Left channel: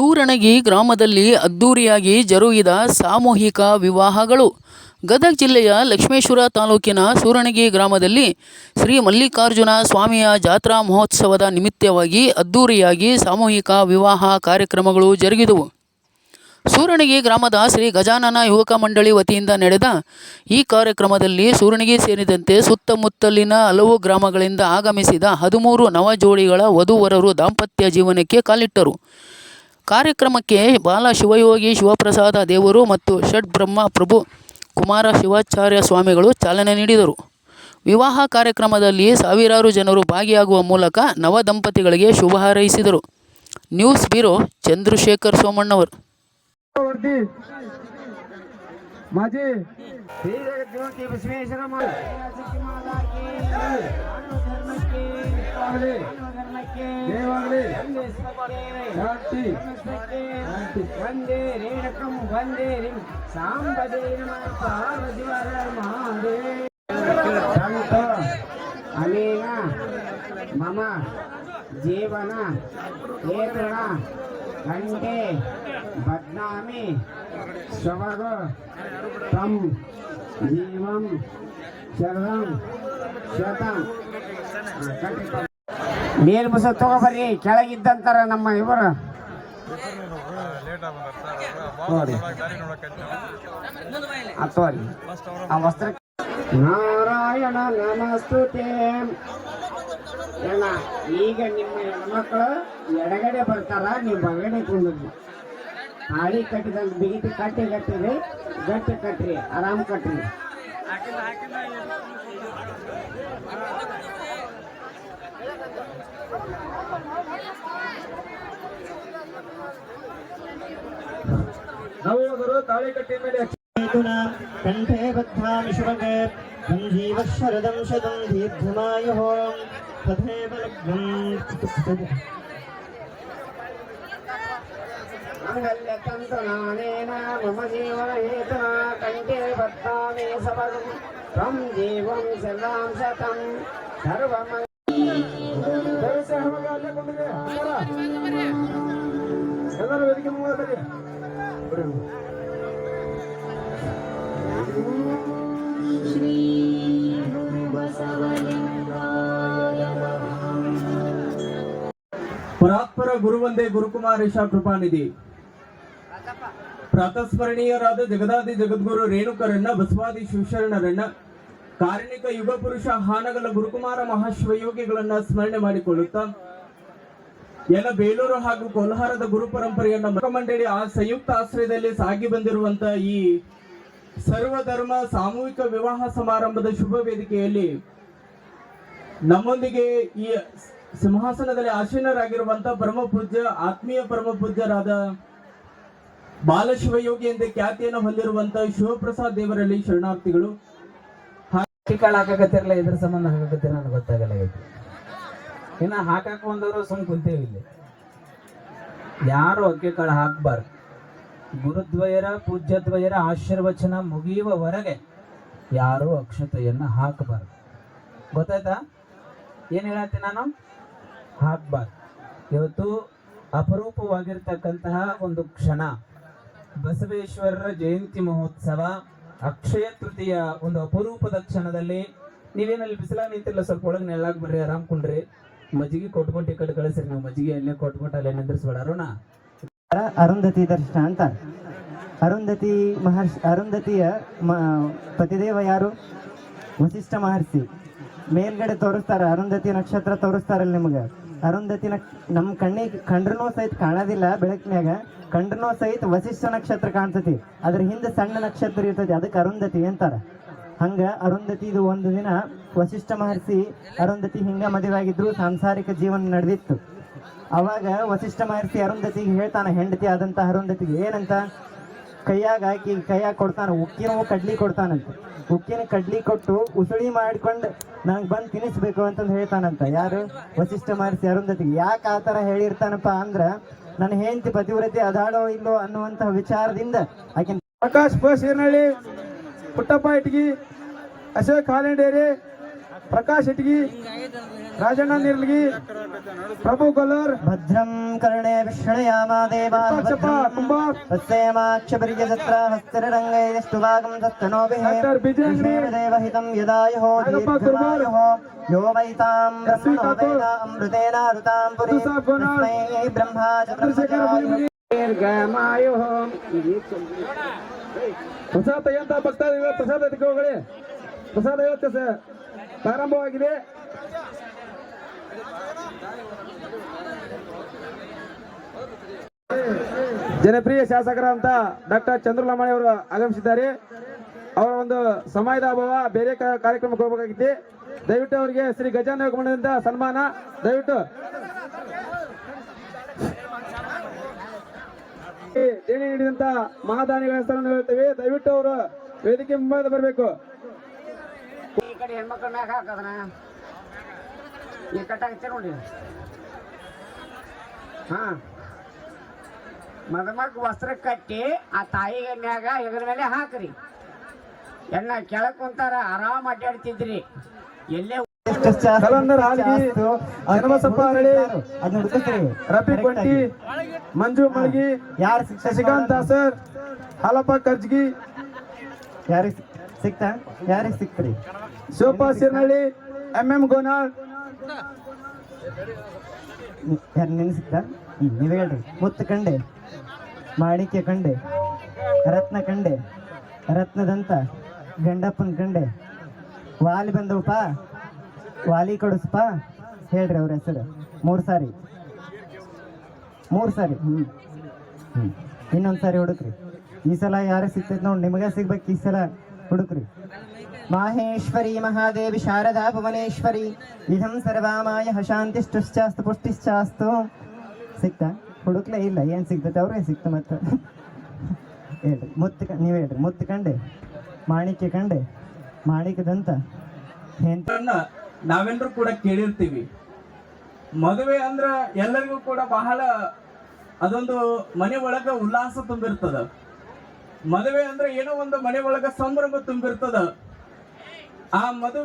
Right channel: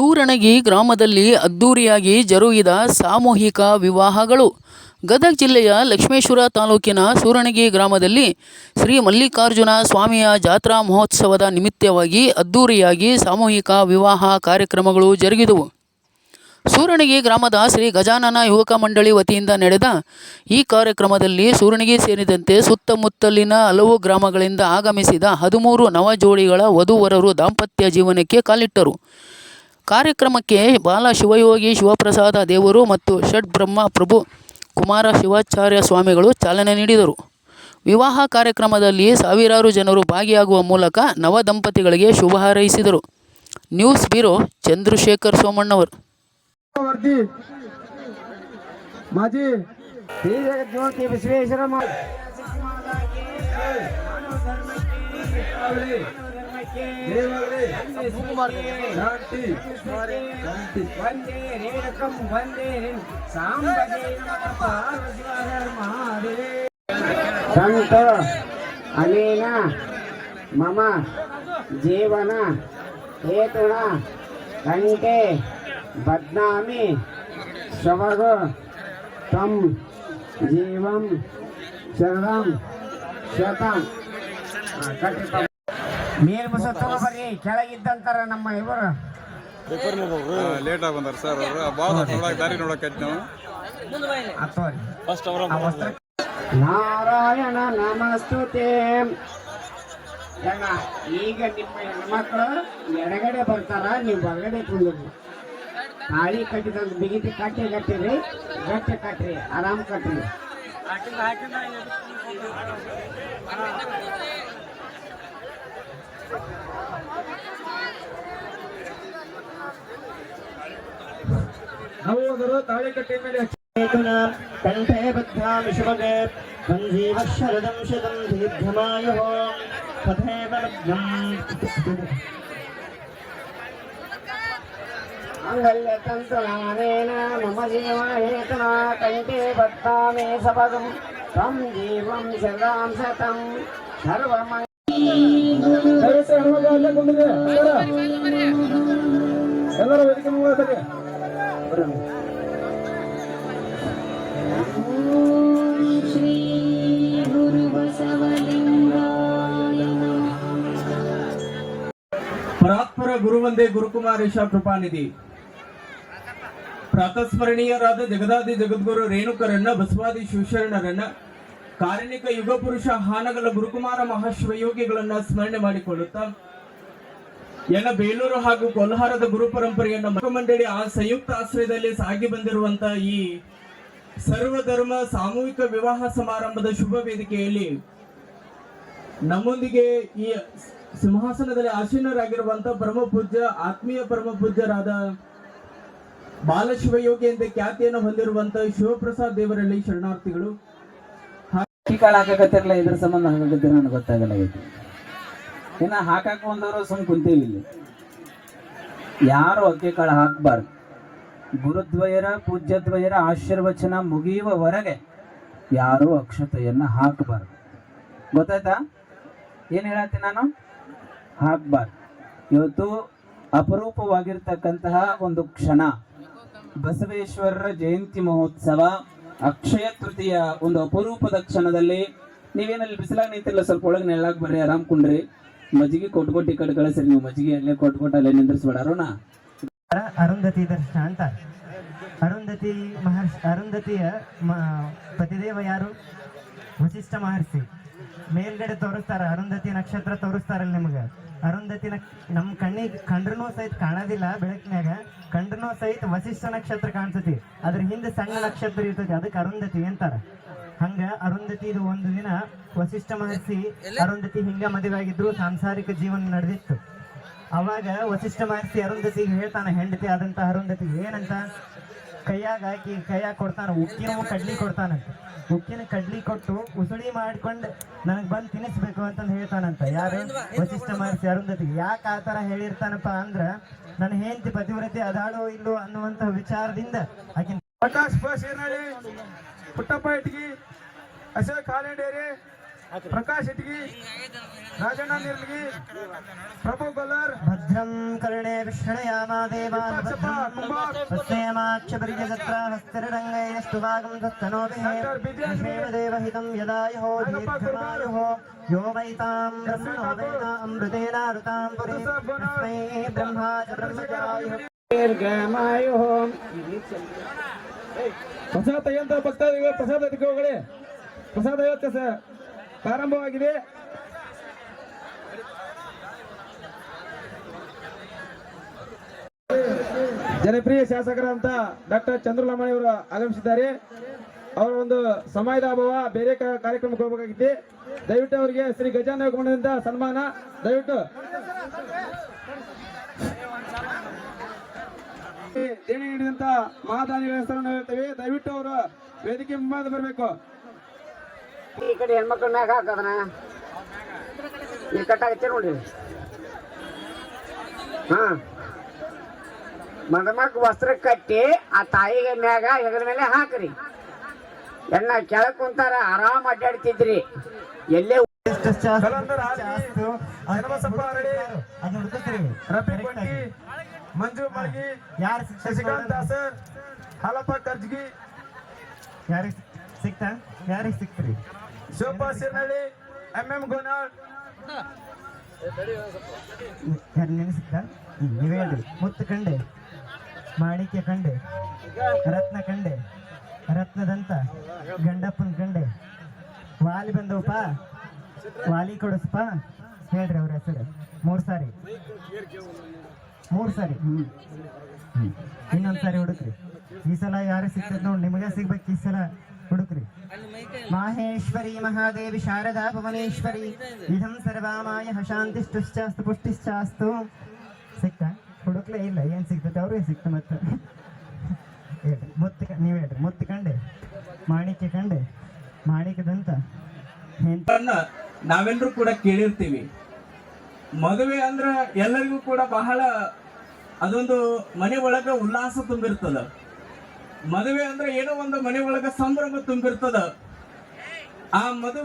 ಸೂರಣಗಿ ಗ್ರಾಮದಲ್ಲಿ ಅದ್ದೂರಿಯಾಗಿ ಜರುಗಿದ ಸಾಮೂಹಿಕ ವಿವಾಹಗಳು. ಗದಗ ಜಿಲ್ಲೆಯ ಲಕ್ಷ್ಮೇಶ್ವರ ತಾಲೂಕಿನ ಸೂರಣಗಿ ಗ್ರಾಮದಲ್ಲಿ ಶ್ರೀ ಮಲ್ಲಿಕಾರ್ಜುನ ಸ್ವಾಮಿಯ ಜಾತ್ರಾ ಮಹೋತ್ಸವದ ನಿಮಿತ್ತವಾಗಿ ಅದ್ದೂರಿಯಾಗಿ ಸಾಮೂಹಿಕ ವಿವಾಹ ಕಾರ್ಯಕ್ರಮಗಳು ಜರುಗಿದವು. ಸೂರಣಗಿ ಗ್ರಾಮದ ಶ್ರೀ ಗಜಾನನ ಯುವಕ ಮಂಡಳಿ ವತಿಯಿಂದ ನಡೆದ ಈ ಕಾರ್ಯಕ್ರಮದಲ್ಲಿ ಸೂರಣಗಿ ಸೇರಿದಂತೆ ಸುತ್ತಮುತ್ತಲಿನ ಹಲವು ಗ್ರಾಮಗಳಿಂದ ಆಗಮಿಸಿದ 13 ನವಜೋಡಿಗಳ ವಧೂವರರು ದಾಂಪತ್ಯ ಜೀವನಕ್ಕೆ ಕಾಲಿಟ್ಟರು. ಕಾರ್ಯಕ್ರಮಕ್ಕೆ ಬಾಲ ಶಿವಯೋಗಿ ಶಿವಪ್ರಸಾದ ದೇವರು ಮತ್ತು ಷಡ್ಬ್ರಹ್ಮ ಪ್ರಭು ಕುಮಾರ ಶಿವಾಚಾರ್ಯ ಸ್ವಾಮಿಗಳು ಚಾಲನೆ ನೀಡಿದರು. ವಿವಾಹ ಕಾರ್ಯಕ್ರಮದಲ್ಲಿ ಸಾವಿರಾರು ಜನರು ಭಾಗಿಯಾಗುವ ಮೂಲಕ ನವ ದಂಪತಿಗಳಿಗೆ ಶುಭ ಹಾರೈಸಿದರು. ನ್ಯೂಸ್ ಬ್ಯೂರೋ ಚಂದ್ರಶೇಖರ್ ಸೋಮಣ್ಣವರು. ಮಾಜಿ ಜ್ಯೋತಿ ಬಸವೇಶ್ವರ ಸಂತ ಅನೇನ ಮಮ ಜೀವನ ಹೇತುನ ಕಂಠೆ ಬದ್ನಾಮಿ ಶವಗ ತಂ ಜೀವಂ ಶರಣಂ ಶತಂ. ಮೇಲ್ಬಸ ತಗೋಬರ್ರಿ, ಕೆಳಗಿದ್ದಂತಾರ ನಮ್ಮ ಇವರು ನಾರಾಯಣ ನಮಸ್ತುತೆ. ಈಗ ನಿಮ್ಮ ಹೆಣ್ಮಕ್ಳು ಎಡಗಡೆ ಬರ್ತಾರ, ನೀವು ಬಲಗಡೆ ಕುಂದ್ರಿ. ತಾಳಿ ಕಟ್ಟಿದಂತ ಬಿಗಿತಿ ಕಟ್ಟಿರಿ, ಗಟ್ಟಿ ಕಟ್ರಿ, ಆರಾಮ್ ಕಟ್ರಿ. ನವೋದರು ತಾಳಿ ಕಟ್ಟಿ ಮೇಲೆ ಕಂಠೆ ಬದ್ಧಾಮಿ ಶುಭಗೆ ಸಂಜೀವ ಶರದಂ ಶತಂ ದೀರ್ಘಮಾಯುಃ ತಥೈವ ಲಗ್ನಂ ಮಂಗಲ್ಯ ತಂತುನಾನೇನ ಮಮ ಜೀವನ ಹೇತುನಾ ಕಂಠೆ ಬದ್ಧಾಮಿ ಶವಗಂ ತ್ವಂ ಜೀವಂ ಶರದಾಂ ಶತಂ ಸರ್ವಮಯ. ಎಲ್ಲರ ವೇದಿಕೆ ಮೂಲಕ ಶ್ರೀ ಗುರು ಬಸವಲಿಂಗಾಯ ನಮಃ. ಪರಾತ್ಪರ ಗುರುವಂದೇ ಗುರುಕುಮಾರೇಶ ಕೃಪಾನಿಧಿ. ಪ್ರಾತಸ್ಮರಣೀಯರಾದ ಜಗದಾದಿ ಜಗದ್ಗುರು ರೇಣುಕರನ್ನ, ಬಸವಾದಿ ಶಿವಶರಣರನ್ನ, ಕಾರಣಿಕ ಯುಗ ಪುರುಷ ಹಾನಗಲ ಗುರುಕುಮಾರ ಮಹಾಶಿವಯೋಗಿಗಳನ್ನ ಸ್ಮರಣೆ ಮಾಡಿಕೊಳ್ಳುತ್ತಾ ಬೇಲೂರು ಹಾಗೂ ಕೋಲಾರದ ಗುರು ಪರಂಪರೆಯನ್ನ ಮುಖಮಂಡಳಿ ಸಂಯುಕ್ತ ಆಶ್ರಯದಲ್ಲಿ ಸಾಗಿ ಬಂದಿರುವಂತಹ ಈ ಸರ್ವಧರ್ಮ ಸಾಮೂಹಿಕ ವಿವಾಹ ಸಮಾರಂಭದ ಶುಭ ವೇದಿಕೆಯಲ್ಲಿ ನಮ್ಮೊಂದಿಗೆ ಈ ಸಿಂಹಾಸನದಲ್ಲಿ ಆಸೀನರಾಗಿರುವಂತಹ ಪರಮ ಪೂಜ್ಯ ಆತ್ಮೀಯ ಪರಮ ಪೂಜ್ಯರಾದ ಬಾಲಶಿವಯೋಗಿ ಎಂದೇ ಖ್ಯಾತಿಯನ್ನು ಹೊಂದಿರುವಂತಹ ಶಿವಪ್ರಸಾದ್ ದೇವರಲ್ಲಿ ಶರಣಾರ್ಥಿಗಳು. ಹಾಕಕತ್ತಿರಲ್ಲ, ಇದ್ರ ಸಂಬಂಧ ಹಾಕಕತ್ತಿರ ನನಗೆ ಗೊತ್ತಾಗಲಾಗಿತ್ತು. ಇನ್ನ ಹಾಕಾಕ ಒಂದವರು ಸುಮ್ ಕುಂತೀವಿ. ಇಲ್ಲಿ ಯಾರು ಅಕ್ಕಿ ಕಾಳು ಹಾಕಬಾರ್ದು. ಗುರುದ್ವಯರ ಪೂಜ್ಯದ್ವಯರ ಆಶೀರ್ವಚನ ಮುಗಿಯುವವರೆಗೆ ಯಾರು ಅಕ್ಷತೆಯನ್ನ ಹಾಕಬಾರ್ದು. ಗೊತ್ತಾಯ್ತಾ? ಏನ್ ಹೇಳತ್ತೀನಿ ನಾನು? ಹಾಕಬಾರ್ದು. ಇವತ್ತು ಅಪರೂಪವಾಗಿರ್ತಕ್ಕಂತಹ ಒಂದು ಕ್ಷಣ, ಬಸವೇಶ್ವರರ ಜಯಂತಿ ಮಹೋತ್ಸವ, ಅಕ್ಷಯ ತೃತೀಯ ಒಂದು ಅಪರೂಪದ ಕ್ಷಣದಲ್ಲಿ ನೀವೇನಲ್ಲಿ ಬಿಸಿಲಾಗ ನಿಂತಿಲ್ಲ, ಸ್ವಲ್ಪ ಒಳಗೆ ನೆಳ್ಳಾಗ ಬರ್ರಿ, ಆರಾಮ್ ಕುಂಡ್ರಿ. ಮಜ್ಜಿಗೆ ಕೊಟ್ಟು ಈ ಕಡೆ ಕಳಿಸ್ರಿ. ನೀವು ಮಜ್ಜಿಗೆ ಅಲ್ಲೇ ಕೊಟ್ಟು ಅಲ್ಲೇ ನಿಂದ್ರಿಸ್ಬೇಡ. ಅರುಣ ಅರುಂಧತಿ ದರ್ಶನ ಅಂತ. ಅರುಂಧತಿಯ ಪತಿದೇವ ಯಾರು? ವಸಿಷ್ಠ ಮಹರ್ಷಿ. ಮೇಲ್ಗಡೆ ತೋರಿಸ್ತಾರ, ಅರುಂಧತಿ ನಕ್ಷತ್ರ ತೋರಿಸ್ತಾರಲ್ಲ ನಿಮಗೆ. ಅರುಂಧತಿ ನಮ್ಮ ಕಣ್ಣಿಗೆ ಕಂಡ್ರೂ ಸಹಿತ ಕಾಣೋದಿಲ್ಲ, ಬೆಳಕಿನಾಗ ಕಂಡ್ರೂ ಸಹಿತ ವಸಿಷ್ಠ ನಕ್ಷತ್ರ ಕಾಣ್ತತಿ. ಅದ್ರ ಹಿಂದೆ ಸಣ್ಣ ನಕ್ಷತ್ರ ಇರ್ತೈತಿ, ಅದಕ್ಕೆ ಅರುಂಧತಿ ಅಂತಾರ. ಹಂಗ ಅರುಂಧತಿ ಇದು ಒಂದು ದಿನ ವಸಿಷ್ಠ ಮಹರ್ಷಿ ಅರುಂಧತಿ ಹಿಂಗ ಮದುವೆ ಆಗಿದ್ರು, ಸಾಂಸಾರಿಕ ಜೀವನ ನಡೆದಿತ್ತು. ಅವಾಗ ವಸಿಷ್ಠ ಮಹರ್ಷಿ ಅರುಂಧತಿಗೆ ಹೇಳ್ತಾನ, ಹೆಂಡತಿ ಆದಂತ ಅರುಂಧತಿಗೆ ಏನಂತ, ಕೈಯಾಗ ಹಾಕಿ ಕೈಯಾಗ ಕೊಡ್ತಾನ, ಉಕ್ಕಿನ ಕಡ್ಲಿ ಕೊಡ್ತಾನಂತ. ಉಕ್ಕಿನ ಕಡ್ಲಿ ಕೊಟ್ಟು ಉಸುಳಿ ಮಾಡ್ಕೊಂಡು ನನಗೆ ಬಂದು ತಿನ್ನಿಸ್ಬೇಕು ಅಂತಂದು ಹೇಳ್ತಾನಂತ. ಯಾರು? ವಸಿಷ್ಠ ಮಹರ್ಷಿ ಅರುಂಧತಿಗೆ. ಯಾಕೆ ಆ ಥರ ಹೇಳಿರ್ತಾನಪ್ಪ ಅಂದ್ರ, ನನ್ನ ಹೆಂಡತಿ ಪತಿವ್ರತೆ ಅದಾಳೋ ಇಲ್ಲೋ ಅನ್ನುವಂತಹ ವಿಚಾರದಿಂದ ಆಕೆ. ಪ್ರಕಾಶ್ ಬಸ್ ಏರ್ನಳ್ಳಿ, ಪುಟ್ಟಪ್ಪ ಇಟ್ಗಿ, ಅಶೋಕ್ ಹಾಲೆಂಡೇರಿ, ಪ್ರಕಾಶ್ ಇಟ್ಗಿ, ರಾಜಣ್ಣ ನಿರ್ಲಗಿ, ಪ್ರಭು ಕೊಲ್ಲರ್, ಭದ್ರಂ ಕರ್ಣೇ ವಿಷ್ಣಯಾಮ ದೇವಾ ಕುಂಬಾರ್, ತಸ್ಯೇಮಾಕ್ಷಪರಿಗೆ ಸತ್ರ ಹಸ್ತರಂಗೈಸ್ತುವಾಗಂ ತತ್ತನೋಭಿಃ ಡಾಕ್ಟರ್ ಬಿಜೇಂದ್ರಿ, ದೇವಹಿತಂ ಯದಾಯೋ ದೀರ್ಘಮಾಯೋ ಯೋ ವೈತಾಂ ಬ್ರಹ್ಮಣೋವೇದ ಅಮೃತೇನ ಋತಾಂ ಪುರಿ ತಸ್ಮೈ ಬ್ರಹ್ಮ ಚಂದ್ರಶೇಖರ ದೀರ್ಘಮಾಯು. ಪ್ರಸಾದ ಅಂತ ಬರ್ತಾ ಇವೆ. ಪ್ರಸಾದ ಅದಕ್ಕೆ ಹೋಗಲಿ. ಪ್ರಸಾದ ಇವತ್ತು ಪ್ರಾರಂಭವಾಗಿದೆ. ಜನಪ್ರಿಯ ಶಾಸಕರಂತ ಡಾಕ್ಟರ್ ಚಂದ್ರಲಮಣಿ ಅವರು ಆಗಮಿಸಿದ್ದಾರೆ. ಅವರ ಒಂದು ಸಮಯದ ಅಭಾವ, ಬೇರೆ ಕಾರ್ಯಕ್ರಮಕ್ಕೆ ಹೋಗಬೇಕಾಗಿತ್ತು. ದಯವಿಟ್ಟು ಅವರಿಗೆ ಶ್ರೀ ಗಜಾನನ ಕೊಂಡದಿಂದ ಸನ್ಮಾನ. ದಯವಿಟ್ಟು ದೇಣಿ ನೀಡಿದಂತ ಮಹಾದಾನಿಗಳ ಹೆಸರನ್ನು ಹೇಳ್ತೇವೆ. ದಯವಿಟ್ಟು ಅವರು ವೇದಿಕೆ ಮುಂಭಾಗ ಬರಬೇಕು. ಈ ಕಡೆ ಹೆಣ್ಮಕ್ಳ ಮ್ಯಾಗ ಹಾಕದನ ಈ ಕಟ್ಟಾಗತ್ತೆ ನೋಡಿ. ಹಾ, ಮದುಮಕ್ ವಸ್ತ್ರ ಕಟ್ಟಿ ಆ ತಾಯಿಗೆ ಮ್ಯಾಗ ಹೆಗಲ ಮೇಲೆ ಹಾಕ್ರಿ. ಎನ್ನ ಕೆಳಕ್ ಕುಂತಾರ, ಆರಾಮ್ ಅಡ್ಡಾಡ್ತಿದ್ರಿ. ಎಲ್ಲೇ ಕಲಂದರ್ ಹಾಲ್ಗಿ, ಹನುಮಸಪ್ಪ ಅರಳಿ, ರಫಿ ಕೊಂಟಿ, ಮಂಜು ಮಳಗಿ, ಶಶಿಕಾಂತ್ ದಾಸರ್, ಹಾಲಪ್ಪ ಕರ್ಜ್ಗಿ, ಯಾರಿಗೆ ಸಿಕ್ತ್ರಿ? ಶಿವಪ್ಪ ಸಿರ್ನಳ್ಳಿ, MM ಗೋನಾಳ್. ಯಾರು ನೆನೆಸಿಕ್ತ? ನೀವು ಹೇಳ್ರಿ. ಮುತ್ತು ಕಂಡೆ, ಮಾಣಿಕ್ಯ ಕಂಡೆ, ರತ್ನ ಕಂಡೆ, ರತ್ನದಂತ ಗಂಡಪ್ಪನ ಕಂಡೆ, ವಾಲಿ ಬಂದವಪ್ಪ, ವಾಲಿ ಕೊಡಿಸಪ್ಪ. ಹೇಳ್ರಿ ಅವ್ರ ಹೆಸರು. ಮೂರು ಸಾರಿ. ಇನ್ನೊಂದು ಸಾರಿ ಹುಡುಕ್ರಿ. ಈ ಸಲ ಯಾರಿಗೆ ಸಿಗ್ತೈತೆ ನೋಡಿ, ನಿಮಗೆ ಸಿಗ್ಬೇಕು. ಈ ಸಲ ಹುಡುಕ್ರಿ. ಮಾಹೇಶ್ವರಿ ಮಹಾದೇವಿ ಶಾರದಾ ಭುವನೇಶ್ವರಿ ಇದಂ ಸರ್ವಾಮಾಯ ಶಾಂತಿಷ್ಟಾಸ್ತು ಪುಷ್ಟಿಶ್ಚಾಸ್ತು. ಸಿಕ್ತಾ? ಹುಡುಕ್ಲೇ ಇಲ್ಲ. ಏನ್ ಸಿಗ್ತೈತೆ ಅವ್ರಿಗೆ ಸಿಕ್ತ. ಮತ್ತೆ ಹೇಳ್ರಿ. ನೀವು ಹೇಳ್ರಿ. ಮುತ್ತು ಕಂಡೆ, ಮಾಣಿಕ್ಯ ಕಂಡೆ, ಮಾಣಿಕ್ಯದಂತ ನಾವೆಲ್ಲರೂ ಕೂಡ ಕೇಳಿರ್ತೀವಿ. ಮದುವೆ ಅಂದ್ರ ಎಲ್ಲರಿಗೂ ಕೂಡ ಬಹಳ ಅದೊಂದು ಮನೆ ಒಳಗ ಉಲ್ಲಾಸ ತುಂಬಿರ್ತದ. ಮದುವೆ ಅಂದ್ರೆ ಏನೋ ಒಂದು ಮನೆ ಒಳಗ ಸಂಭ್ರಮ ತುಂಬಿರ್ತದ. ಆ ಮಧು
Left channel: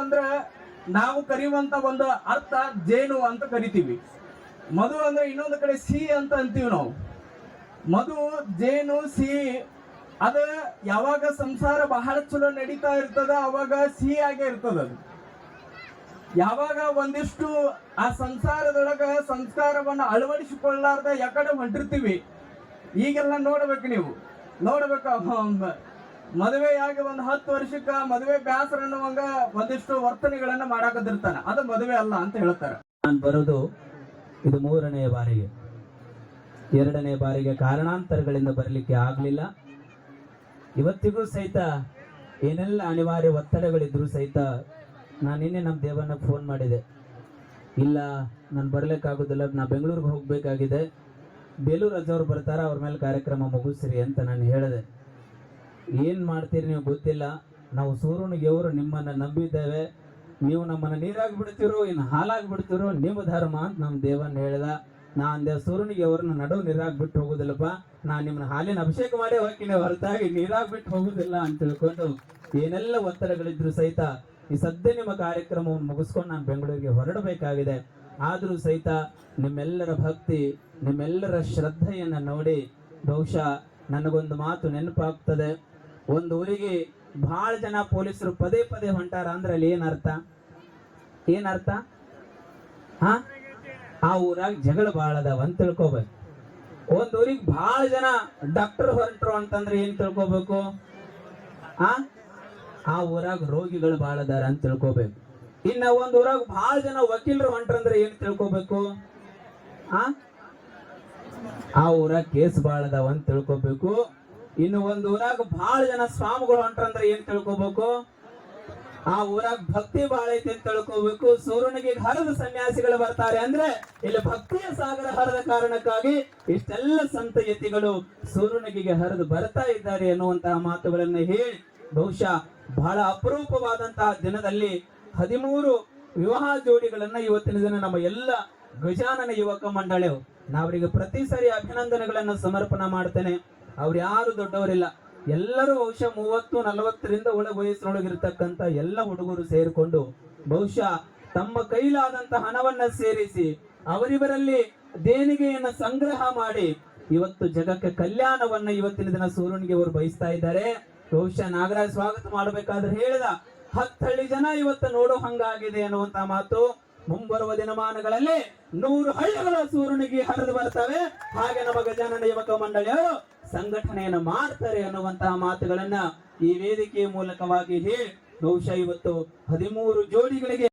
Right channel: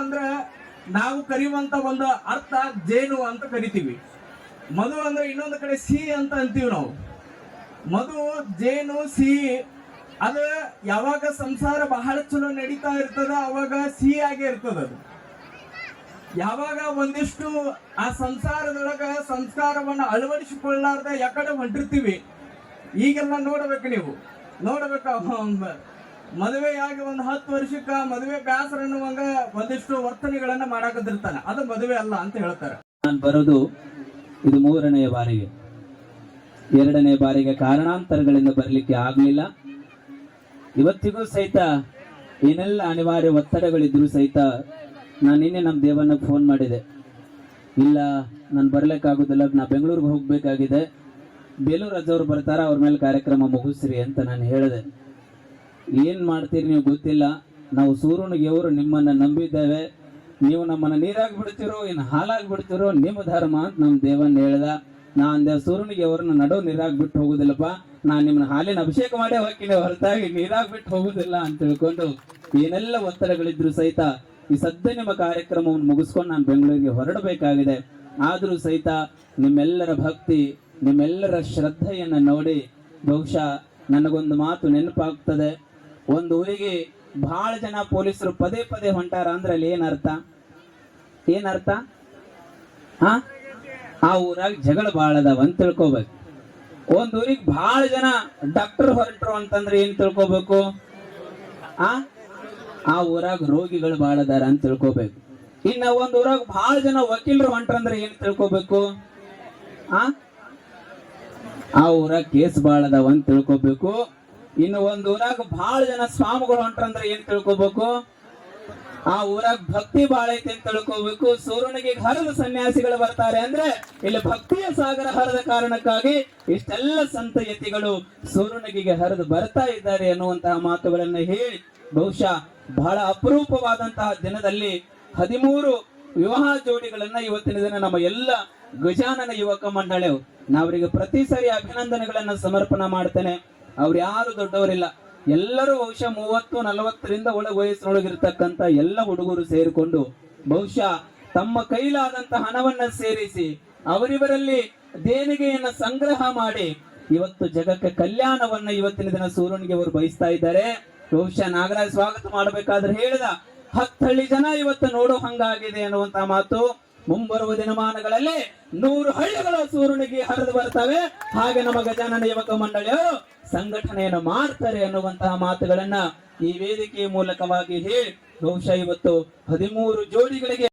ಅಂದ್ರೆ ನಾವು ಕರೆಯುವಂತ ಒಂದು ಅರ್ಥ ಜೇನು ಅಂತ ಕರಿತೀವಿ. ಮಧು ಅಂದ್ರೆ ಇನ್ನೊಂದು ಕಡೆ ಸಿಹಿ ಅಂತ ಅಂತೀವಿ ನಾವು. ಮಧು, ಜೇನು, ಸಿಹಿ. ಅದ ಯಾವಾಗ ಸಂಸಾರ ಬಹಳ ಚಲೋ ನಡೀತಾ ಇರ್ತದ ಅವಾಗ ಸಿಹಿ ಆಗೇ ಇರ್ತದ. ಅದು ಯಾವಾಗ ಒಂದಿಷ್ಟು ಆ ಸಂಸಾರದೊಳಗ ಸಂಸ್ಕಾರವನ್ನ ಅಳವಡಿಸಿಕೊಳ್ಳಾರ್ದ ಯಾಕಡೆ ಹೊಂಟಿರ್ತೀವಿ. ಈಗೆಲ್ಲ ನೋಡ್ಬೇಕು, ನೀವು ನೋಡ್ಬೇಕು. ಮದುವೆಯಾಗಿ ಒಂದು 10 ವರ್ಷಕ್ಕ ಮದುವೆ ಬ್ಯಾಸರ ಅನ್ನುವಂಗ ಒಂದಿಷ್ಟು ವರ್ತನೆಗಳನ್ನ ಮಾಡಾಕದಿರ್ತಾನೆ. ಅದು ಮದುವೆ ಅಲ್ಲ ಅಂತ ಹೇಳ್ತಾರೆ. ನಾನು ಬರೋದು ಇದು 3ನೇ ಬಾರಿಗೆ. 2ನೇ ಬಾರಿಗೆ ಕಾರಣಾಂತರಗಳಿಂದ ಬರಲಿಕ್ಕೆ ಆಗಲಿಲ್ಲ. ಇವತ್ತಿಗೂ ಸಹಿತ ಏನೆಲ್ಲ ಅನಿವಾರ್ಯ ಒತ್ತಡಗಳಿದ್ರು ಸಹಿತ ನಾನು ನಿನ್ನೆ ನಮ್ಮ ದೇವನ್ನ ಫೋನ್ ಮಾಡಿದೆ. ಇಲ್ಲ, ನಾನು ಬರ್ಲಿಕ್ಕಾಗೋದಿಲ್ಲ, ನಾ ಬೆಂಗಳೂರಿಗೆ ಹೋಗ್ಬೇಕಾಗಿದೆ, ಬೇಲೂರು ರಾಜವ್ರು ಬರ್ತಾರ, ಅವ್ರ ಮೇಲೆ ಕಾರ್ಯಕ್ರಮ ಮುಗಿಸ್ರಿ ಅಂತ ನಾನು ಹೇಳಿದೆ. ಏನು ಮಾಡ್ತೀರಿ ನೀವು ಗೊತ್ತಿಲ್ಲ, ನಾವು ಸೂರ್ಯನಿಗೆವರು ನಿಮ್ಮನ್ನು ನಂಬಿದ್ದೇವೆ, ನೀವು ನಮ್ಮನ್ನು ನೀರಾಗಿ ಬಿಡ್ತಿರೋ ಇನ್ನು ಹಾಲಾಗಿ ಬಿಡ್ತಿರೋ ನಿಮ್ಮ ಧರ್ಮ ಅಂತ ನಮ್ಮ ದೇವನ್ನ ಹೇಳ್ದ. ನಾ ಅಂದೆ, ಸೂರ್ಯನಿಗೆ ಅವ್ರನ್ನ ನಡೋ ನೀರಾಗಿ ಬಿಟ್ಟು ಹೋಗೋದಿಲ್ಲಪ್ಪ, ನಾನು ನಿಮ್ಮನ್ನ ಹಾಲಿನ ಅಭಿಷೇಕ ಮಾಡೇ ಹೋಗ್ತೀನಿ, ಹೊರತಾಗಿ ನೀರಾಗಿ ಬಿಟ್ಟು ಹೋಗೋದಿಲ್ಲ ಅಂತ ತಿಳ್ಕೊಂಡು ಏನೆಲ್ಲ ಒತ್ತಡಗಳಿದ್ರು ಸಹಿತ ಈ ಸದ್ಯ ನಿಮ್ಮ ಕಾರ್ಯಕ್ರಮವನ್ನು ಮುಗಿಸ್ಕೊಂಡು ನಾನು ಬೆಂಗಳೂರಿಗೆ ಹೊರಡಬೇಕಾಗಿದೆ. ಆದರೂ ಸಹಿತ ನಿಮ್ಮೆಲ್ಲರ ಭಕ್ತಿ, ನಿಮ್ಮೆಲ್ಲರ ಶ್ರದ್ಧೆಯನ್ನು ನೋಡಿ ಬಹುಶಃ ನನಗೊಂದು ಮಾತು ನೆನಪಾಗ್ತದೆ. ಒಂದು ಊರಿಗೆ ಬಹಳ ಜನ ಪೊಲೀಸರು ಪದೇ ಪದೇ ಹೊಂಟಾರ ಅಂದ್ರೆ ಅಲ್ಲಿ ಏನರ್ಥ? ಆ ಊರಾಗ ಜಗಳ ಭಾಳ ಅದಾವ ಅಂತ ತಿಳ್ಕೊಬೇಕು. ಒಂದ್ ಊರಿಗೆ ಬಹಳ ಜನ ಡಾಕ್ಟರ್ ಹೊರಟ್ರು ಅಂತಂದ್ರೆ ಏನ್ ತಿಳ್ಕೊಬೇಕು? ಆ ಊರಾಗ ರೋಗಿಗಳು ಭಾಳ ಅದಾರ ಅಂತ ತಿಳ್ಕೊಬೇಕು. ಇನ್ನ ಒಂದ್ ಊರಾಗ ಬಹಳ ಜನ ವಕೀಲರು ಹೊಂಟ್ರಂದ್ರೆ ಏನ್ ತಿಳ್ಕೊಬೇಕು? ಆ ಊರಾಗ ಕೇಸ್ ಭಾಳ ಅದಾವ ಅಂತ ತಿಳ್ಕೊಬೇಕು. ಇನ್ನು ಒಂದ್ ಊರಾಗ ಬಹಳ ಜನ ಸ್ವಾಮಿಗಳು ಹೊಂಟ್ರಂದ್ರೆ ಏನ್ ತಿಳ್ಕೊಬೇಕು? ಆ ಊರಾಗ ಭಕ್ತಿ ಬಾಳ ಐತಿ ಅಂತ ತಿಳ್ಕೋಬೇಕು. ಸೂರ್ಯನಿಗೆ ಹರಿದ ಸನ್ಯಾಸಿಗಳು ಬರ್ತಾರೆ ಅಂದ್ರೆ ಇಲ್ಲಿ ಭಕ್ತಿಯ ಸಾಗರ ಹರಿದ ಕಾರಣಕ್ಕಾಗಿ ಇಷ್ಟೆಲ್ಲ ಸಂತ ಯತಿಗಳು ಸೂರ್ಯನಿಗೆ ಹರಿದು ಬರ್ತಾ ಇದ್ದಾರೆ ಅನ್ನುವಂತಹ ಮಾತುಗಳನ್ನ ಹೇಳಿ ಬಹುಶಃ ಬಹಳ ಅಪರೂಪವಾದಂತಹ ದಿನದಲ್ಲಿ 13 ವಿವಾಹ ಜೋಡಿಗಳನ್ನ ಇವತ್ತಿನ ದಿನ ನಮ್ಮ ಎಲ್ಲ ಗಜಾನನ ಯುವಕ ಮಂಡಳಿಯವರು ನಾವರಿಗೆ ಪ್ರತಿ ಸರಿ ಅಭಿನಂದನೆಗಳನ್ನ ಸಮರ್ಪಣೆ ಮಾಡ್ತೇನೆ. ಅವ್ರು ಯಾರು ದೊಡ್ಡವರಿಲ್ಲ, ಎಲ್ಲರೂ ಬಹುಶಃ 30-40ರಿಂದ ಒಳಗೆ ವಯಸ್ಸಿನೊಳಗಿರ್ತಕ್ಕಂಥ ಎಲ್ಲ ಹುಡುಗರು ಸೇರಿಕೊಂಡು ಬಹುಶಃ ತಮ್ಮ ಕೈಲಾದಂತ ಹಣವನ್ನ ಸೇರಿಸಿ ಅವರಿವರಲ್ಲಿ ದೇಣಿಗೆಯನ್ನ ಸಂಗ್ರಹ ಮಾಡಿ ಇವತ್ತು ಜಗಕ್ಕೆ ಕಲ್ಯಾಣವನ್ನ ಇವತ್ತಿನ ದಿನ ಸೂರಣಿಗೆ ಅವರು ಬಯಸ್ತಾ ಇದ್ದಾರೆ. ಬಹುಶಃ ನಾಗರಾಜ್ ಸ್ವಾಗತ ಮಾಡಬೇಕಾದ್ರೆ ಹೇಳಿದ 10 ಹಳ್ಳಿ ಜನ ಇವತ್ತು ನೋಡೋ ಹಂಗಾಗಿದೆ ಅನ್ನುವಂತಹ ಮಾತು. ಮುಂಬರುವ ದಿನಮಾನಗಳಲ್ಲಿ 100 ಹಳ್ಳಿಗಳ ಸೂರಣಿಗೆ ಹರಿದು ಬರ್ತವೆ. ಹಾಗೆ ನಮ್ಮ ಗಜಾನನ ಯುವಕ ಮಂಡಳಿಯವರು ಸಂಘಟನೆಯನ್ನು ಮಾಡ್ತಾರೆ ಅನ್ನುವಂತಹ ಮಾತುಗಳನ್ನ ಈ ವೇದಿಕೆಯ ಮೂಲಕವಾಗಿ ಹೇಳಿ ಬಹುಶಃ ಇವತ್ತು 13 ಜೋಡಿಗಳಿಗೆ